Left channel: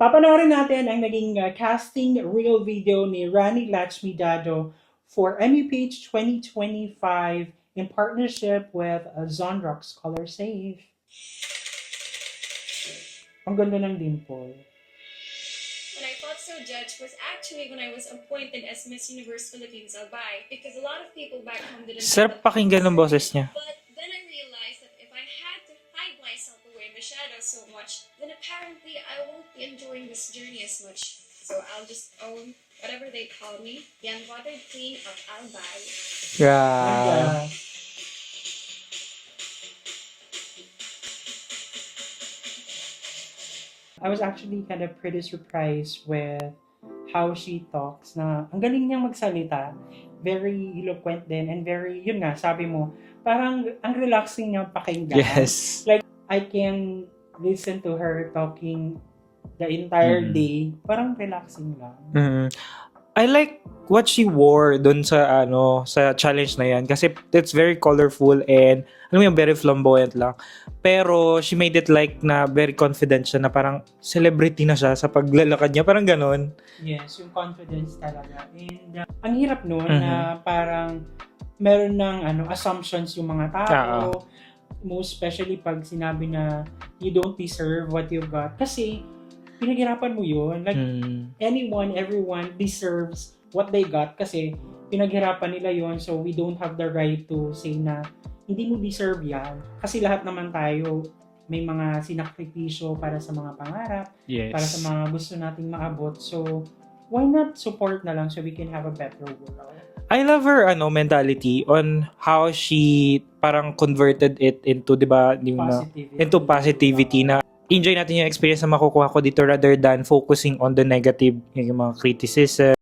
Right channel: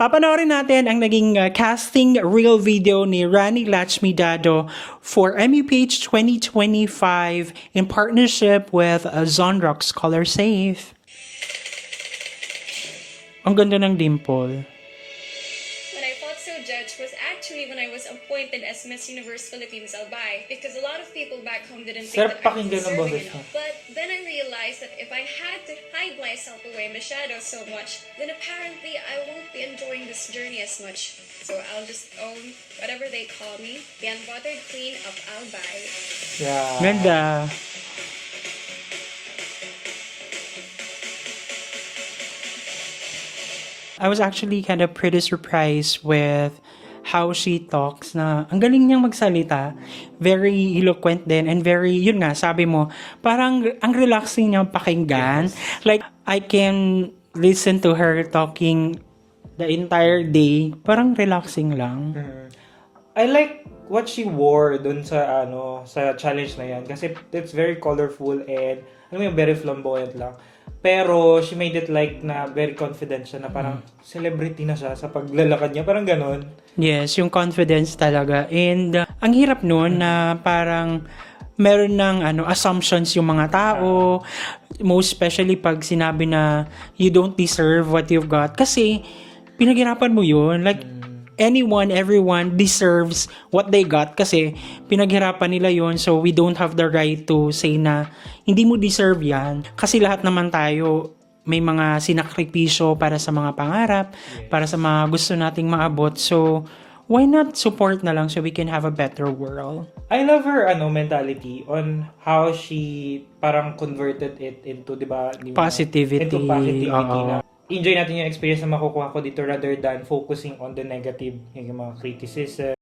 Papanoorin natin ang naging casting reel video ni Rani Lachmidado for MUPH 2025 in partnership with Zonrox Color Safe. Ang ganda ng dimple. When I felt so judged was actually when I was appointed as Miss Universe Philippines Albay, because a lot of people back home didn't Sarap think that I pakinggan ng deserved boses it. niya. But then I realized that if I had to hide myself away masyado so much, then apparently I won't be enjoying this journey as much. So I'll just own whatever they call me, the unbothered queen of Albay. Yeah. Ganda. I was actually kind of pretty surprised with how she talks na ang galing niyang magsalita. Very eloquent din and very, yun nga, sabi mo, parang ang relaxing niyang pakinggan. Yes. Like, I can listen to her talking the entire day. Parang relaxing lang. I like what she wore dun sa sa challenge na yan kasi it's very colorful and alam mo yung very flamboyant lang. Pero she made it like na very confident siya na parang celebrity na siya sa paglalakad niya. Parang ganon. Yes, yung confidence talaga. And ang hirap nun na parang meron ng assumptions yung mga tao. Most especially pag sinabi na you don't deserve what you've got. Kasi pinaghirapan mo yun. Like, anyone, everyone deserves what they got kasi pinaghirapan nila yun. So, we don't have the right to say na hindi mo deserve yan. Kasi lahat naman tayo may mga sinakripisyo para sa mga pangarap, Yes. para sa mga gusto nating maabot. So, why not support na lang so we can have a better world? I love her mentality on how she parang converted it into, 'di ba, Positivity. into positivity Oo. na enjoy natin yung experience na makukuha ko dito rather than focusing on the negative, yung mga criticism.